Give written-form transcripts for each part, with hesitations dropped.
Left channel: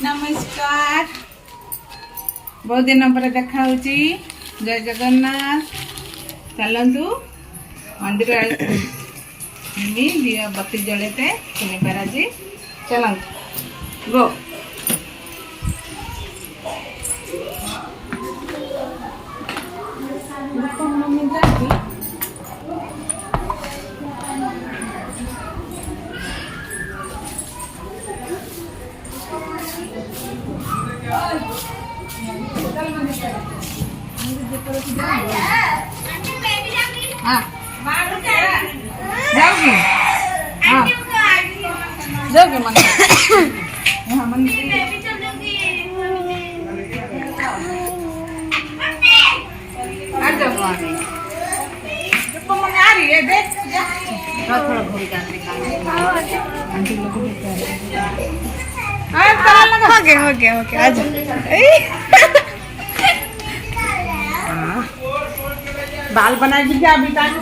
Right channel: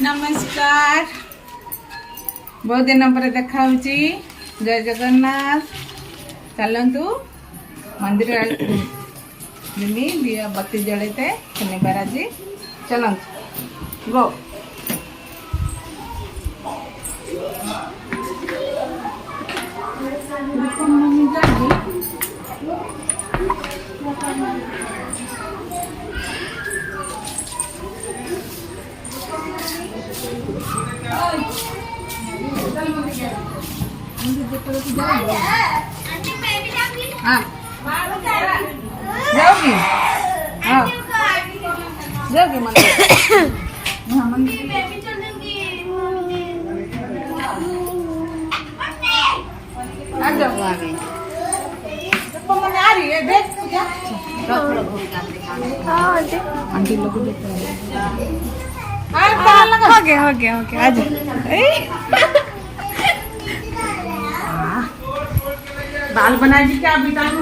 नमस्कार बहुत दिन पर देखा जय जगन्नाथ चलतु मंदिर दिया बत्ती जलते शनिवार आज चलतु गो हाँ जाओगी हाँ जाओगी मंदिर हाँ मंदिर आ जाओ आ रही है देख आंटी लोग हो गया आ जाओ बाल बना दी क्या अभी तक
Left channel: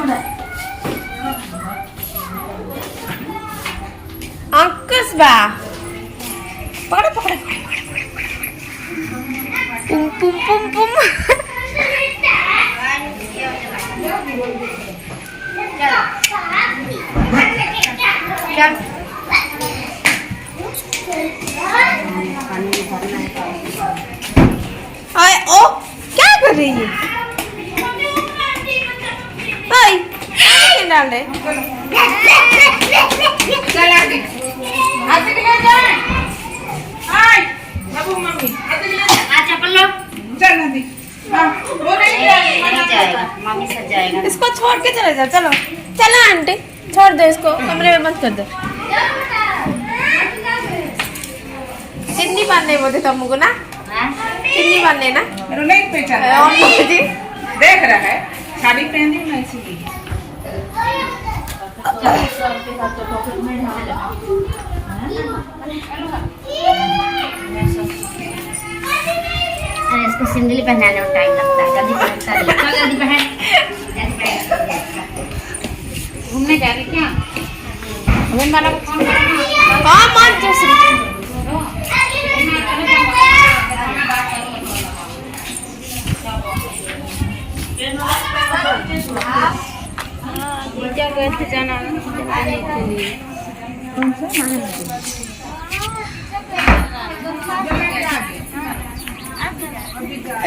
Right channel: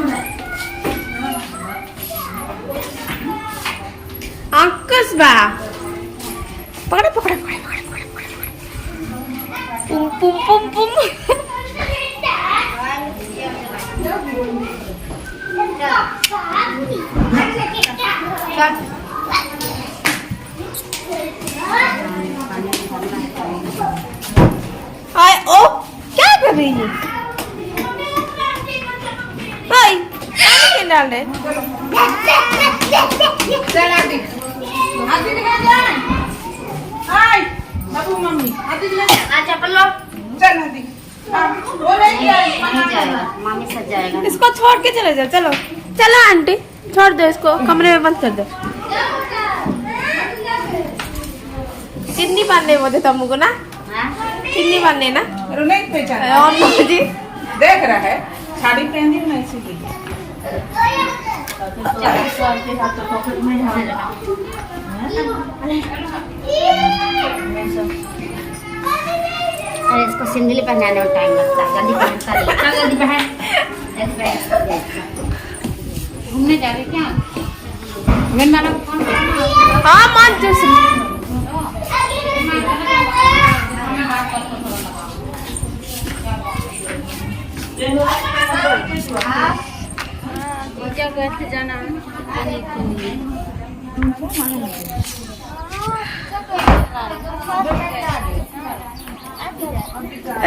अंकुश बा पकड़ पकड़ पुम पुम पुम पुम ओ क्या कर रही है भाई पानी डाल दे चल आके जा हाय बाबू मम्मी आजा पल्लो चल नदी नहीं जाएगा मम्मी सज जाएगा इसको छोड़ के चले जाओ चलो चलो आंटी छोड़ दो इसको कमरे में बंद कर दो कितनी बांधने बोलते तुमको ना कितनी बांधने ना नहीं पहचान जी देख रहा है साड़ी पहनी मैं इसीलिए अरे इसको सिंदली पहनाने में टाइम लगता है जल्दी पहन घूमने जा रहे क्या हाँ मान जाना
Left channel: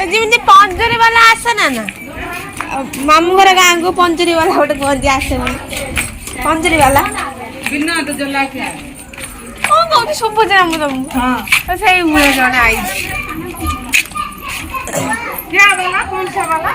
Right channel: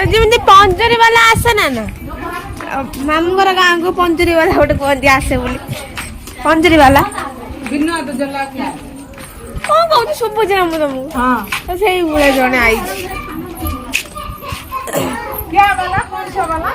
जमी पंजरी वाला आसे ना मामू घर गाँ को पंजरी वाला गोटे कहते आसे बोली पंजरी वाला कौन कहते शुभुच ना मुझे तुमको से मुझे जड़े आई कौन सा वाला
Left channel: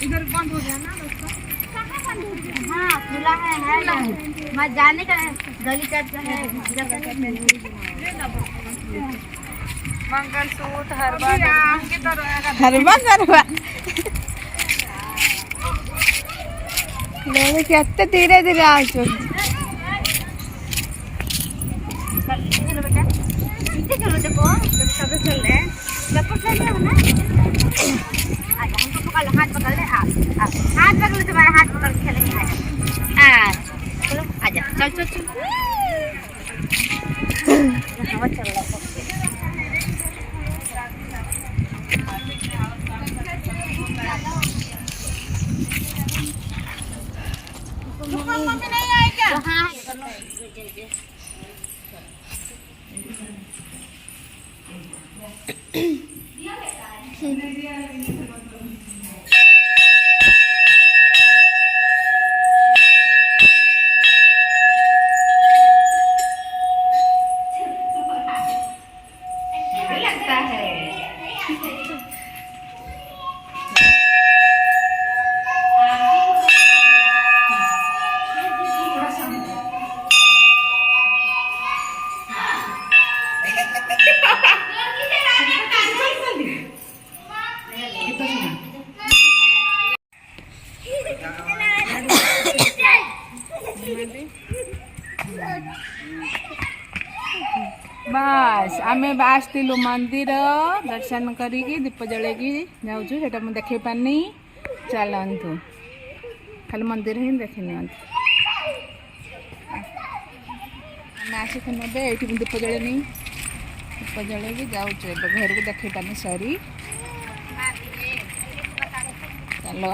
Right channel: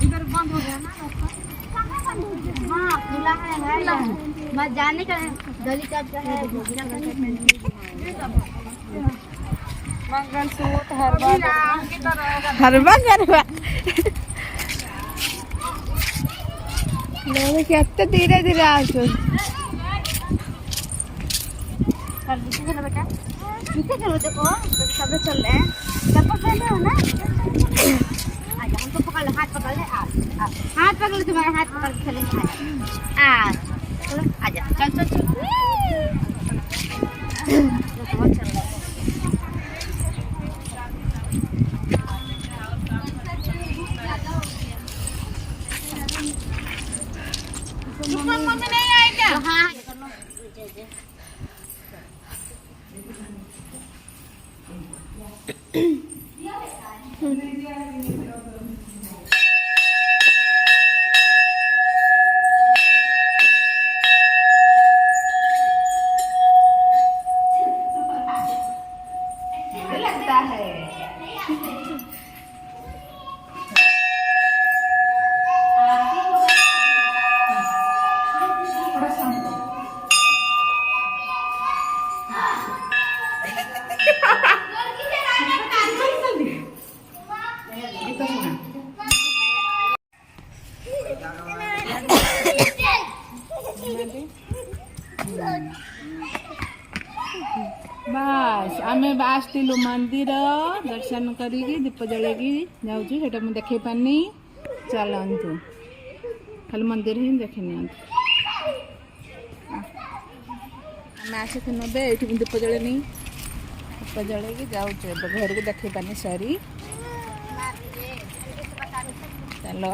इधर बंद हो गया ना हाँ खुला है मैं जाने का गली का है मंगलसूत्र हरवा गरवा लोग कितने धीरे धीरे आ चलो बेटा पीछे चलो देखो सब चल रहे हैं सब चल रहे हो ना आजा हमको पकड़ लो हाथ पकड़ ले हाथ पकड़ लो तुम्हारा हाथ पकड़ के खेलेंगे आजा चल चल मम्मी नहीं आएगा हाँ लगता है बस आमे आसलु मंदिर दर्शन करी दीप जले जाऊँ से देखे पानी चलतु खाली मंदिर ही देखी नि आसिक ने ये दीप जले दीप जले जाऊँ घर को देखे पानी सरी चलो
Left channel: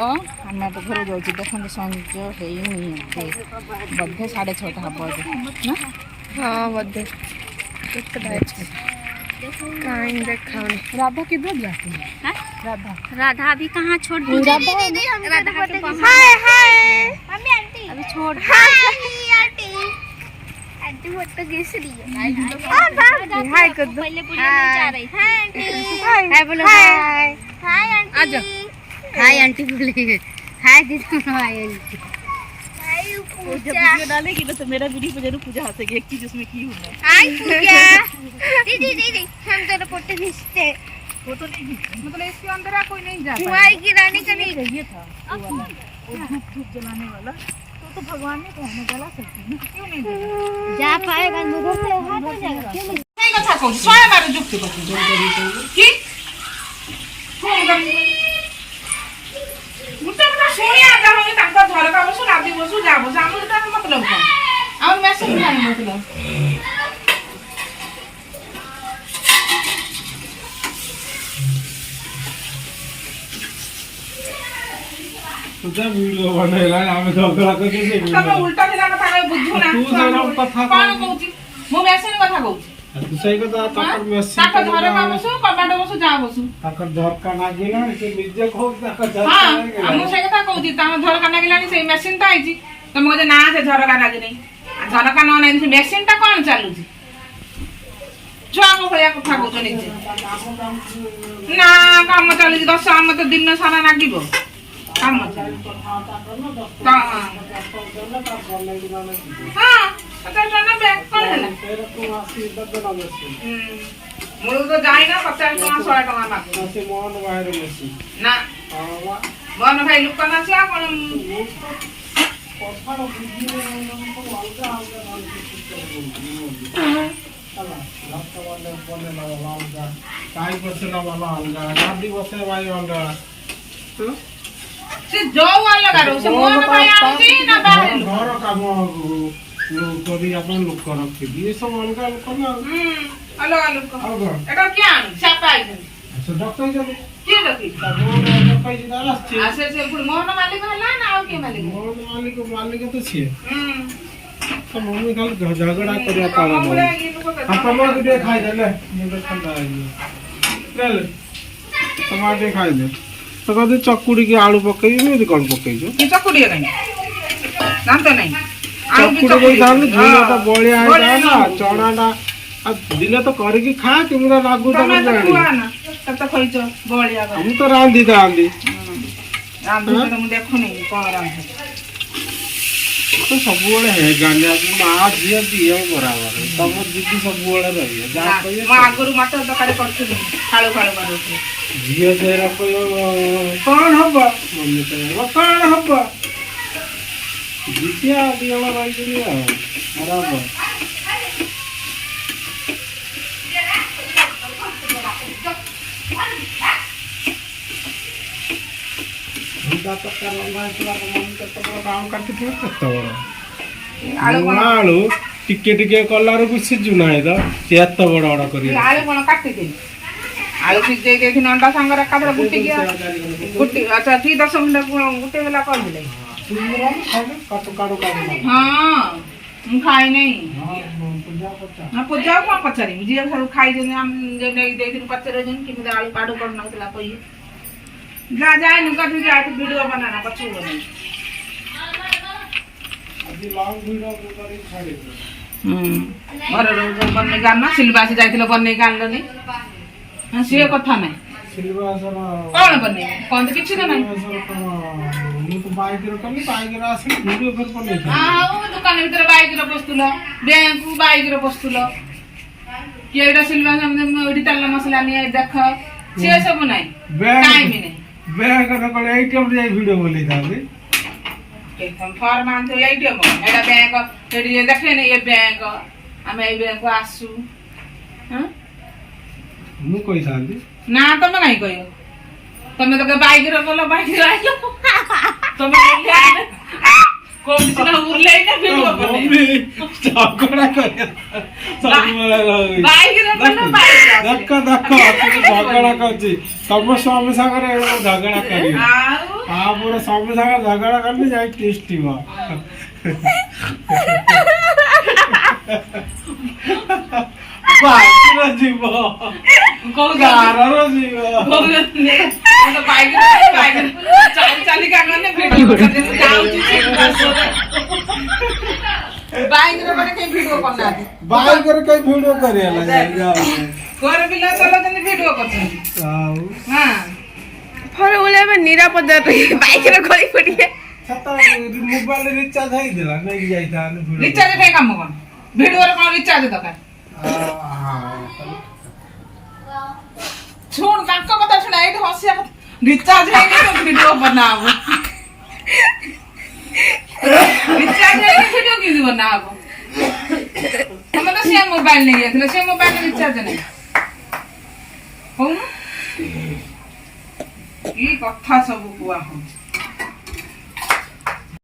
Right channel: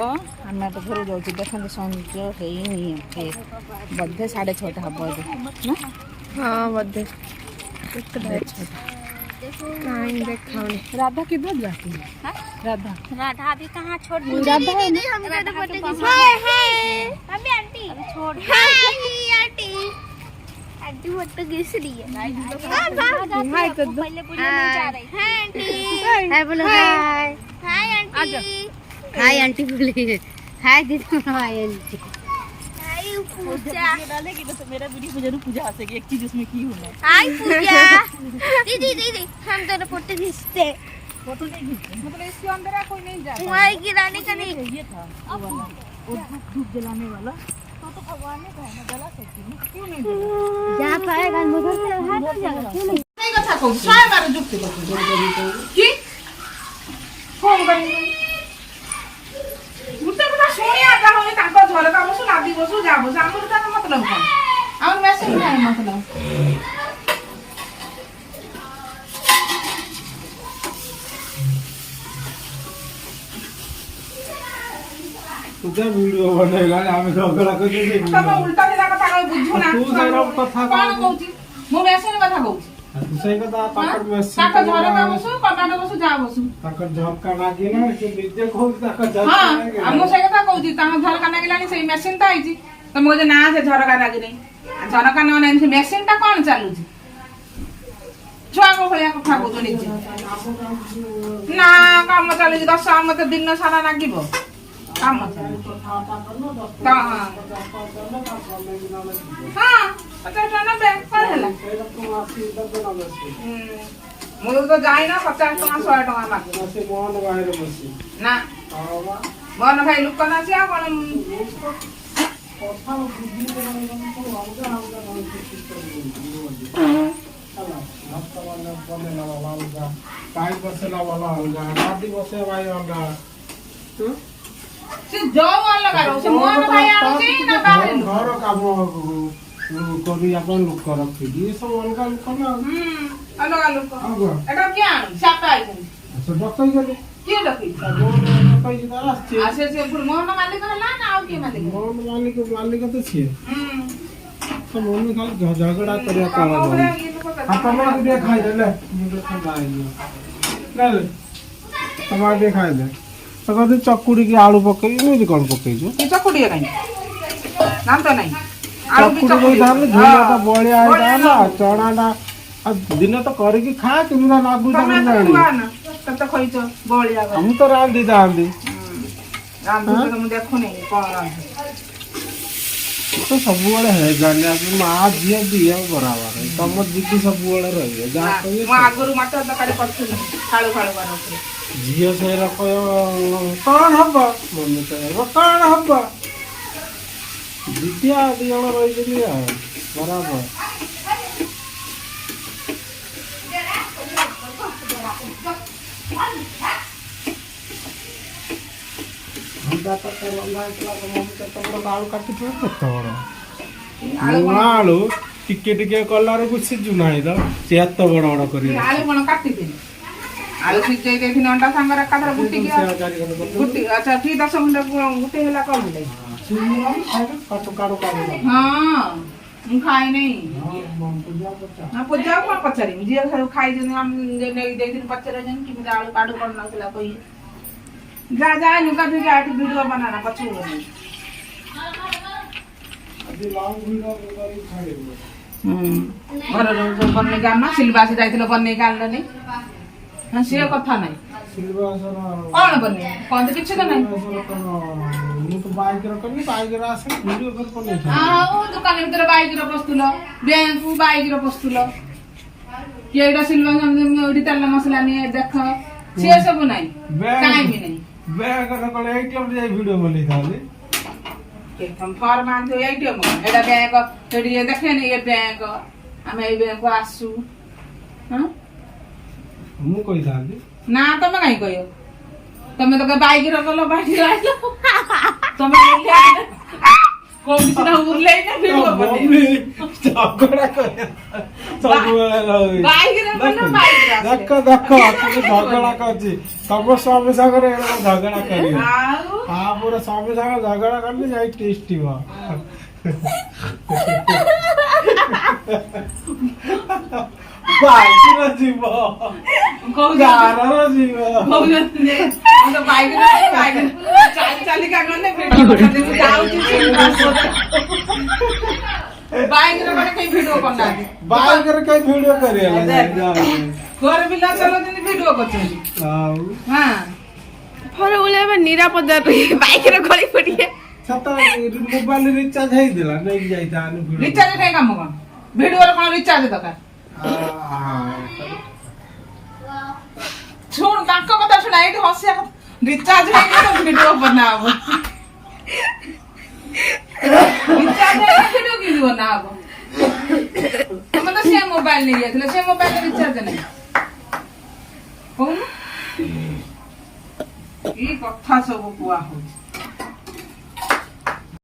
आम तो घर जाऊँ देखते संज है बोधे 6:30 हम ना हाँ बोधे राधा किधर जाती है? राधा अभी कहाँ छोड़ दी? दीदी हम हाय हाय मम्मी आंटी अभी छोड़ हाय आंटी आंटी फोटो खींच रही है। हाय कर दो। पहले पूजा नहीं जा रही। हाय आंटी हाय बोलो हाय हाय आंटी हाय आंटी बोले हाय दीदी हाय आंटी पूजा डालेगी तो मेरा वीडियो जरूर पूजा हंसेगी एक चीज उसमें की हुआ हाय पूजा दीदी हम दोनों फोटो खींचते फोटो नहीं खींचते मतलब इसके अंदर कोई नहीं जाता वहाँ गिराने का नहीं ये था वो धूप जलाने वाला तो भगवान ने कहने जला सकती है क्यों नहीं जा पाएगा मुझे से हाथ जाएगा क्यों नहीं कथा कहू स्वयं मारो जुक्ति कहू की फोन करी मुझे पता सुनिया जा होगे तांका झरका बसु लादी बसु जा बसु हमर का मतलब कौन हमर मैसेज नहीं मतलब तुझा वीडियो बनाइला आमे झगड़ा कर दे तमे उल्टा दिला कथा बुझो ना तू सही कथा कौन कहूची मो मैसेज कथा कहूची तू सही कथा ताकर मैसेज ताका झरका बसु कमेंट बसु जा बसु ताकर झरका नागिला से मिजे खो ताकर झरका हां हम सही कथा कहूची ता झरका नागिलानी से मशीन ता आइची तमे कहते ना से झरका नागि नहीं झरका न नहीं से मशीन ता कोन चालुची छुआ को भलिया कथा कहू नहीं ना काम चलुची 10 आम तो दिन सारा नागिबो काम चलुची हां 50 टका बैंक कोन हला मुझे तो जाए ना 50 टका 100 टका बाकी से मोहन बाहर बसी ना मोहन भाई लुक करना चाहिए कोन से जो वाला करो से मोहन भाई आउची ना बाहर घर काम करी अपन लोक रखी ये सब अलगा लोक ना अलग अलग एटा क्या सापा आई अच्छा डॉक्टर गले के डकी डॉक्टर जी दारा छे आसे से पुर मोहन मालिक हला ना आउ के मालिक मोहन मालिक तो छे तो मम्मी खाली झगड़ा करिया कारण अपन लोग दे खाई दे ले मुझे ठंडा आ गया ले टमाटर खाई दे तो कदी चकुड़ी की आलू पकई नहीं कौन पकई जो की चकुड़ी नहीं नाम तो नहीं आलू की चकुड़ी दाल झोला तो बढ़िया है ना चना ना अब दिले तो करे की खा किंगा लागू ना तब तो खोई तो बढ़िया हम तो रांधी रांधी तो मैं देखो नहीं कौन रांधी तो सब वाले है गाने अब मां दिया दिया बराबर है तब दीदी सब वाले रही है जा कहिए मैं आगुरु मटर तकारी करथुनी खाळू खाळू मारोथि दिया से रखो कौन हबा मम्मी कहे कौन हबा दिया दिया रही गई बराबर आलू टिके टिके कलार को सिजुना है से एत बड़ बड़ कर आलू कोन काटी दे आलू सिजै देथि अंडा संगर एकाधर गुटी गया गुटी अच्छा ठीक 10 मिनट गुटे वाला कर ले हां हम खाई नहीं ना पूजा को पचारी मुझे सब खाई जे हम जे नहीं दे दिन पचारे जन कि आलू काडू कर नथला कोई जा जा नुका तो जा वीडियो बनाना पछू नहीं अभी लॉन्ग वीडियो करी खाली घर रो बन्ने गाना सिलवा से जाइथिलो बन्ने गानलनी हां से कथा नहीं सिलवा सर कौन बन्ने कौन तो किछ नहीं मु तो बाइक रो करनी बाइक रो आसी वीडियो कर पड़ले हां ओ दुकान भीतर बाइक रो पस्तुलो बैंक बाइक रो पस्तुलो केडा सिलवा हम ओडी तल्ला मसला नहीं देख से सब नहीं टाइम नहीं बैग रो पर एटीएम रे वीडियो बोली था ଫର୍ମ ଆଣିଥିବ ଏଇଠି ଏଇଟା ବ୍ୟାଙ୍କ ସେଠି ଦେଖେନି ଏ ବ୍ୟାଙ୍କ ଆମେ ଏଇ ବ୍ୟାଙ୍କକୁ ଆସୁ ମୁଁ କହିଥାନ୍ତି ନା ତମେ କାହିଁ କହିବ ତମେ ତ ବାଇକରେ ଗଲ ବାଇକରେ ଆଇଲ ତମେ କୋଉଠି ସିନା ଉର୍ଲେଇନା ଭିଡିଓ ଝଗଡା କରିବା ବାଇକରେ ଗଲ ବାଇକରେ ଦେଖ ଝଗଡା କରୁଛି ତମ ସ୍ୱାମୀ ସାଙ୍ଗରେ ଝଗଡା କରିବ ତାପରେ ସ୍ୱାମୀ ସାଙ୍ଗରେ ଝଗଡା କଲେ ଯାଇ ଟେଷ୍ଟି ହବ ବାଇକର ଯିବ ଗାଁର ଯିବ ଚାଲିକା ଗଲେ ଭିଡିଓ ଯାଉଛି ବାଇକରେ ଗଲେ କେହି ଭିଡିଓ କରୁନାହାନ୍ତି ବାଇକରେ କେହି ଭିଡିଓ କରିବା ଘରେ ପିଲା ଚଲାଉଛନ୍ତି ଭିଡିଓ କରୁଛନ୍ତି ହଁ ଫୋନ ଉଲେଇବା ନିରାପଦ ବାଇକରେ ଗଳି ପଡିଏ ମୋବାଇଲ ରିଚାର୍ଜ ହେଇଥିଲା ନେଇକି ଯାଇଥାନ୍ତି ରିଚାର୍ଜ ଖାଇ କାମ କଣ ଭିଡିଓରେ କଣ ରିଚାର୍ଜ ଦରକାର ଶୁଣ ତାଙ୍କ କଥା ଶୁଣା ଏଇଠି ହସିବା କଥା ରିଚାର୍ଜ ହେଇନି ଭିଡିଓ ବନା ହବ ରିଚାର୍ଜ ହେଇନି ଭିଡିଓ କେମିତି ବନା ହବ ତମେ ତ ସେ ମୋବାଇଲ ନେଇ ଯାଇଥିଲ ସେ ମୋବାଇଲ ରିଚାର୍ଜ ନାହିଁ କହୁନ କି କଥା ସବୁ କୁହା ହଉଛି